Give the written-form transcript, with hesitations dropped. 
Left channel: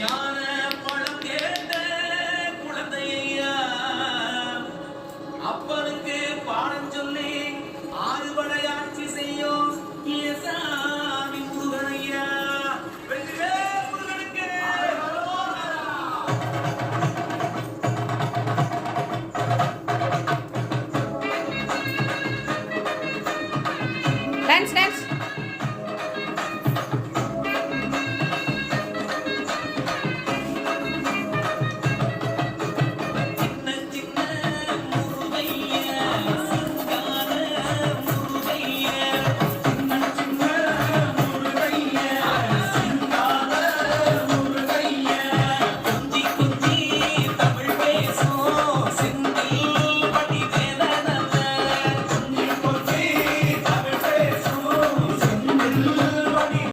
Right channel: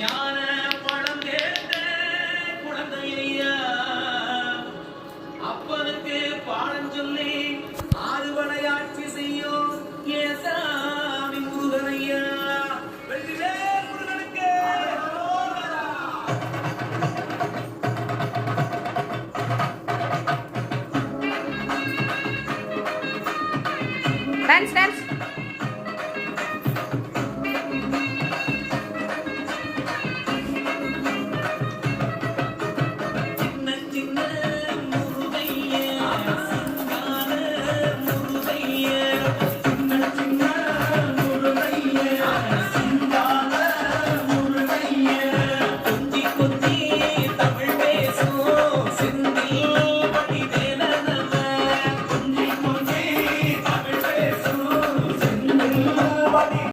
ஞான பழம் கேட்ட குழந்தையா அப்பனுக்கு பாடம் சொல்லி ஆறுவடையாட்சி செய்யும் ஏசாமி முருகனையா. முருகனுக்கு டான்ஸ் டான்ஸ்